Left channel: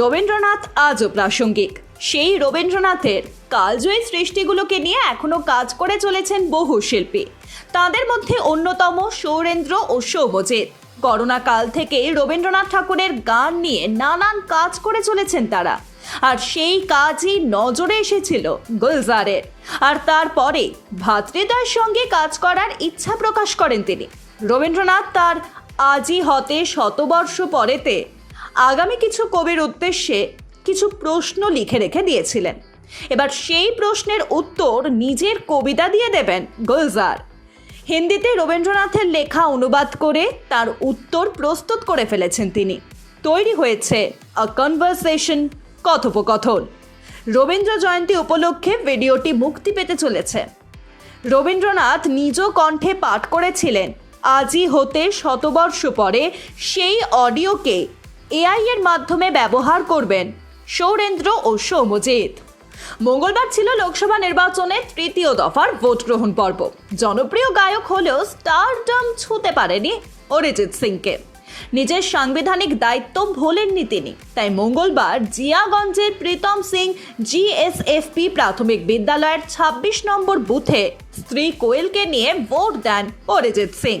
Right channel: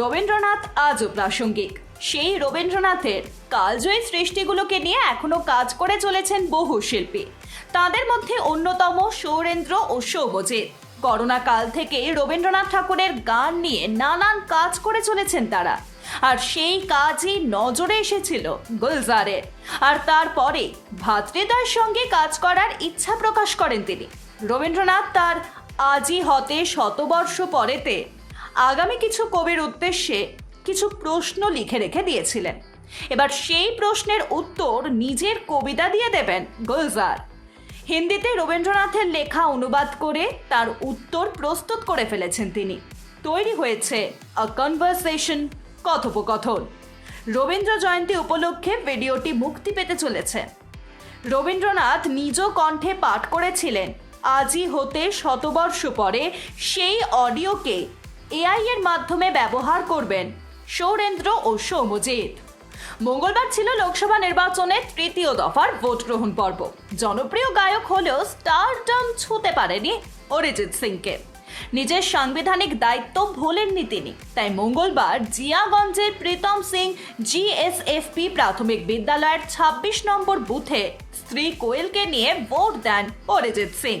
রবীন্দ্রনাথ আজও প্রাসঙ্গিক। সেই রবীন্দ্রনাথের কালজয়ী সৃষ্টিগুলোকে নিয়ে এখনও কাজ করে চলেছেন বহু শিল্পী। তাদের মধ্যে অন্যতম সৌরেন্দ্র ও সৌভজিৎ করোনা কাল থেকে রবীন্দ্রনাথ ঠাকুরের গান নিয়ে নানান কাজ করে চলেছেন তারা। আর সেই কাজই নজরে এসেছিল গুলজারের আর তারপরে ভাতৃদার সঙ্গে কাজ করার ইচ্ছা প্রকাশ করেন তিনি। রবীন্দ্রনাথ তার আজই হতে শতবর্ষ পরেতে আগামী কিছু কবির উদ্দেশ্যে কিছু প্রশ্ন লিখে রেখে দিয়েছিলেন। এবার সেই প্রশ্নের উত্তর নিজের কবিতা দিয়ে দেবেন গুলজার। হিন্দিতে রবীন্দ্রনাথের লেখা অনুবাদ করে তার উত্তর প্রস্তুত করে ফেলেছেন তিনি। তৈরি হয়েছে আ কনভারসেশন কথোপকথন। রবীন্দ্র জয়ন্তী উপলক্ষে ভিডিওটি মুক্তি পেতে চলেছে। রবীন্দ্রনাথ নিজ কণ্ঠে পাঠ করেছিলেন, আজই হতে শতবর্ষ পরে সেই অডিওকে এআই এর মাধ্যমে ব্যবহার করবেন সৌরেন্দ্র ও সৌমজিৎ। মঙ্গলবার ছিল লোকসভা নির্বাচনের তৃতীয় দফার ভোট গ্রহণ পর্ব। জনপ্রিয় গায়ক হলেও স্টারডম ছুঁতে পারেনি অরিজিৎ সিংকে। নিজের সাংবিধানিক দায়িত্ব ভোলেননি তিনি। তাই মঙ্গলবার জিয়াগঞ্জের প্রীতম সিং জিএসএফপি প্রাথমিক বিদ্যালয়ের ২৬ নম্বর বুথে স্ত্রী কোয়েলকে নিয়ে ভোট দেন অরিজিৎ সিং।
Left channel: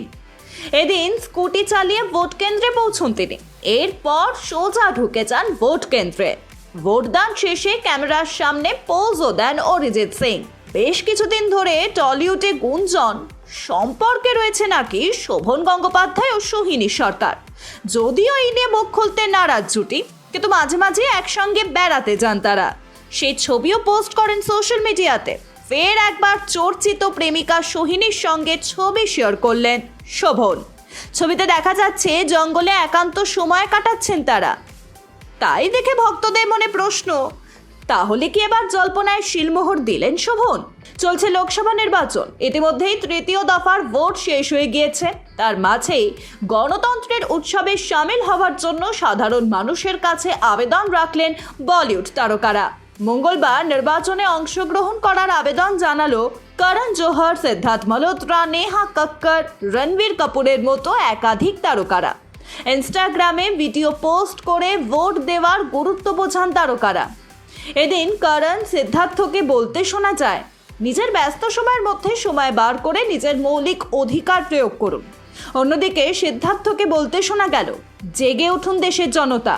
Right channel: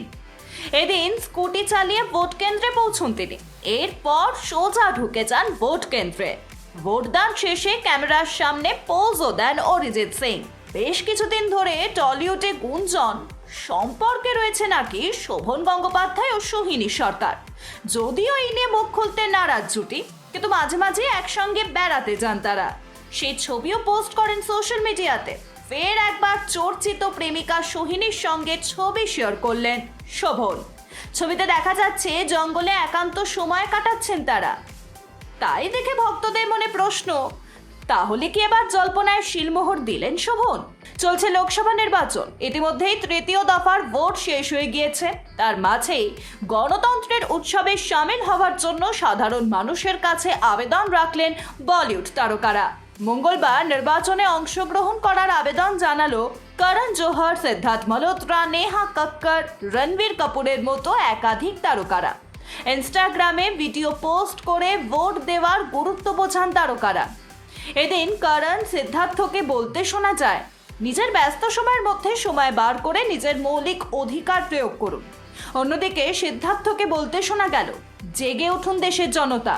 এদিন স্কুটি চালিয়ে ভোট কেন্দ্রে পৌঁছন তিনি। এরপর সোজা ঢুকে যান ভোট কেন্দ্রে। ভোটদান শেষে ক্যামেরার সামনে পোজও দেন অরিজিৎ সিং। বেশ কিছুদিন ধরে টলিউডে গুঞ্জন। সম্পর্কে রয়েছে নাকি শোভন গঙ্গোপাধ্যায় ও সোহিনী সরকার যদিও এই নিয়ে মুখ খুলতে নারাজ জুটি, কিন্তু মাঝে মাঝে একসঙ্গে বেড়াতে যান তারা। সেই ছবিও পোস্ট করেন সোশ্যাল মিডিয়াতে। ফের একবার চর্চিত প্রেমিকা সোহিনীর সঙ্গে ছবি শেয়ার করলেন। শোভন। ছবিতে দেখা যাচ্ছে, জঙ্গলে একান্ত সময় কাটাচ্ছেন তারা। তাই দেখে ভক্তদের মনে প্রশ্ন, তাহলে কি এবার জল্পনায় শিলমোহর দিলেন শোভন? চলছে লোকসভা নির্বাচন, ইতিমধ্যেই তৃতীয় দফার ভোট শেষ হয়ে গিয়েছে। তার মাঝেই গণতন্ত্রের উৎসবে সামিল হওয়ার জন্য সাধারণ মানুষের কাছে আবেদন রাখলেন বলিউড তারকারা। মঙ্গলবার নির্বাচনে অংশগ্রহণ করার আবেদন জানালো করণ জোহর, সিদ্ধার্থ মালহোত্রা, নেহা কক্কর, রণবীর কাপুরের মতো একাধিক তারকারা। ইনস্টাগ্রামে ভিডিও পোস্ট করে ভোট দেওয়ার গুরুত্ব বোঝান তারকারা। এদিন করণ সিদ্ধার্থকে বলতে শোনা যায়, নিজের ব্যস্ত সময়ের মধ্যে সময় বার করে নিজের মৌলিক অধিকার প্রয়োগ করুন। অন্যদিকে সিদ্ধার্থকে বলতে শোনা গেল, জেগে উঠুন দেশের জনতা।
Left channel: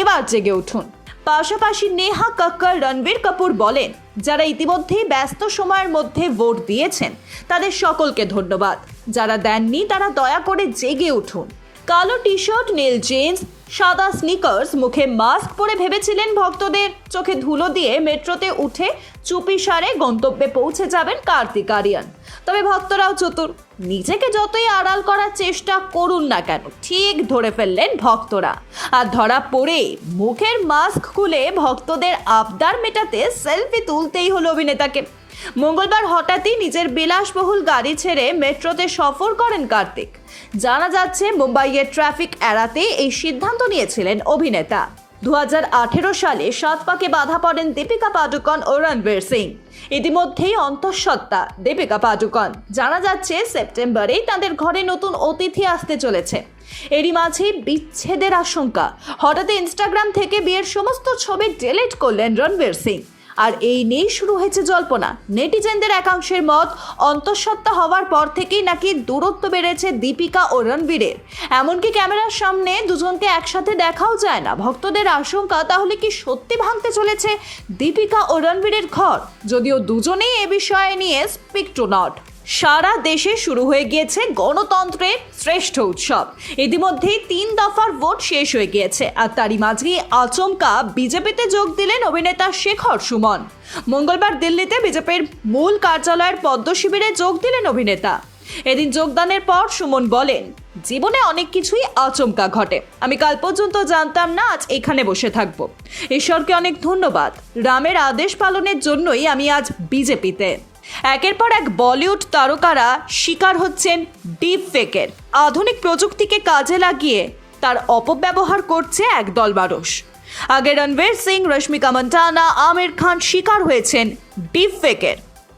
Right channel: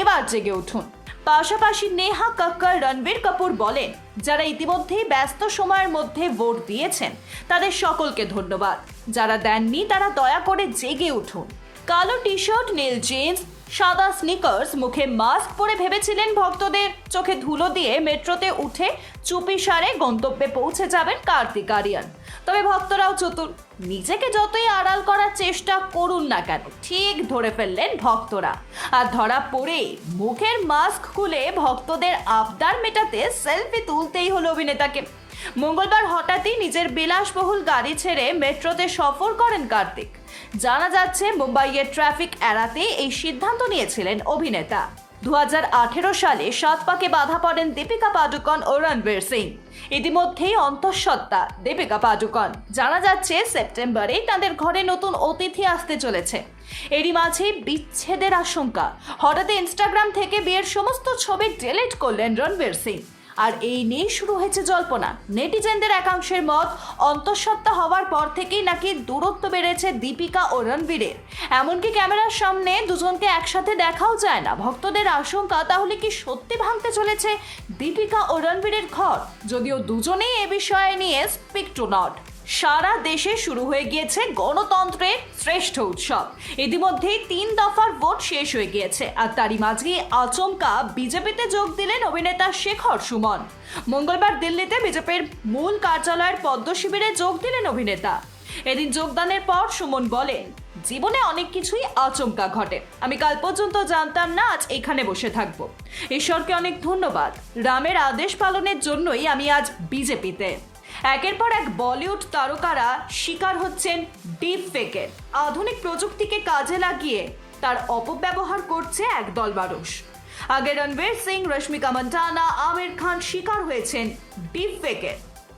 এবার জেগে উঠুন। পাশাপাশি নেহা কক্কর, রণবীর কাপুর বলেন, যারা ইতিমধ্যেই ব্যস্ত সময়ের মধ্যে ভোট দিয়েছেন, তাদের সকলকে ধন্যবাদ। যারা দেননি, তারা দয়া করে জেগে উঠুন। কালো টি শার্ট নীল জিন্স, সাদা স্নিকার্স মুখে মাস্ক পরে ভেবেছিলেন ভক্তদের চোখে ধুলো দিয়ে মেট্রোতে উঠে চুপি সারে গন্তব্যে পৌঁছে যাবেন কার্তিক আরিয়ান। তবে ভক্তরাও চতুর। নিজেকে যতই আড়াল করার চেষ্টা করুন না কেন, ঠিক ধরে ফেললেন ভক্তরা। আর ধরা পড়ে, মুখের মাস্ক খুলে ভক্তদের আবদার মেটাতে সেলফি তুলতেই হলো অভিনেতাকে। মঙ্গলবার হঠাৎই নিজের বিলাসবহুল গাড়ি ছেড়ে মেট্রোতে সফর করেন কার্তিক। জানা যাচ্ছে মুম্বাইয়ের ট্রাফিক এড়াতে এই সিদ্ধান্ত নিয়েছিলেন অভিনেতা। দু হাজার আঠেরো সালে সাত পাকে বাধা পড়েন দীপিকা পাডুকন ও রণবীর সিং। ইতিমধ্যেই অন্তঃসত্ত্বা দীপিকা পাডুকন। জানা যাচ্ছে, সেপ্টেম্বরেই তাদের ঘরে নতুন অতিথি আসতে চলেছে। এরই মাঝে বিচ্ছেদের আশঙ্কা। হঠাৎ ইনস্টাগ্রাম থেকে বিয়ের সমস্ত ছবি ডিলিট করলেন রণবীর সিং। আর এই নিয়েই শুরু হয়েছে জল্পনা। নেটিজেনদের একাংশের মত অন্তঃসত্ত্বা হওয়ার পর থেকেই নাকি দূরত্ব বেড়েছে দীপিকা ও রণবীরের এমনকি ক্যামেরার সামনে দুজনকে একসাথে দেখাও যায় না। ভক্তদের আশঙ্কা, তাহলে কি সত্যি ভাঙতে চলেছে দীপিকা ও রণবীরের ঘর? যদিও দুজনেই এ বিষয়ে নিয়ে স্পিক টু নট সারা দেশে শুরু হয়ে গিয়েছে গণতন্ত্রের শ্রেষ্ঠ উৎসব। ইতিমধ্যেই তিন দফার ভোট শেষ হয়ে গিয়েছে, আর তারই মাঝেই আচমকা বিজেপিতে যোগ দিলেন অভিনেতা শেখর সুমন। মঙ্গলবার দিল্লিতে বিজেপির মূল কার্যালয়ের পদ্ম শিবিরে যোগ দিলেন অভিনেতা। এদিন যোগদানের পর সুমন বলেন, জীবনে অনেক কিছুই আচমকা ঘটে। আমি কাল পর্যন্ত জানতাম না আজ এখানে বসে থাকব। ঈশ্বরকে অনেক ধন্যবাদ। রামের আদেশ পালনের জন্যই আমি আজ বিজেপিতে। একের পর এক বলিউড তারকারা শিকার হচ্ছেন ডিপ ফেকের আধুনিক প্রযুক্তিকে কাজে লাগিয়ে তার অপব্যবহার করছে একদল মানুষ। আগে রণবীর সিং, রশ্মিকা মন্টানা, আমির খান শিকার হয়েছেন ডিপ ফেকের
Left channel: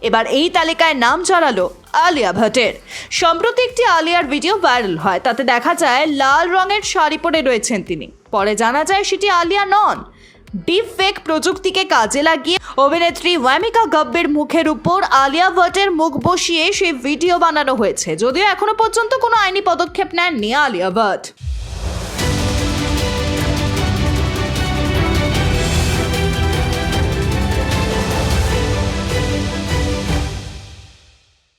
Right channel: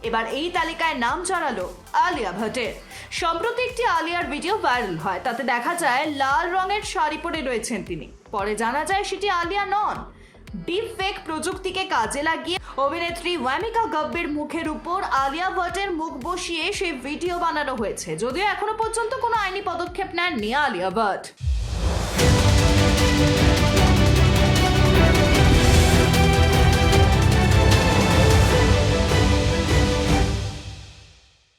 এবার এই তালিকায় নাম জড়ালো আলিয়া ভট্টের। সম্প্রতি একটি আলিয়ার ভিডিও ভাইরাল হয়, তাতে দেখা যায় লাল রঙের শাড়ি পরে রয়েছেন তিনি। পরে জানা যায় সেটি আলিয়া নন। ডিপ ফেক প্রযুক্তিকে কাজে লাগিয়ে অভিনেত্রী ওয়ামিকা গব্বের মুখের উপর আলিয়া ভট্টের মুখ বসিয়ে সেই ভিডিও বানানো হয়েছে। যদিও এখনও পর্যন্ত কোনো আইনি পদক্ষেপ নেননি আলিয়া ভট্ট।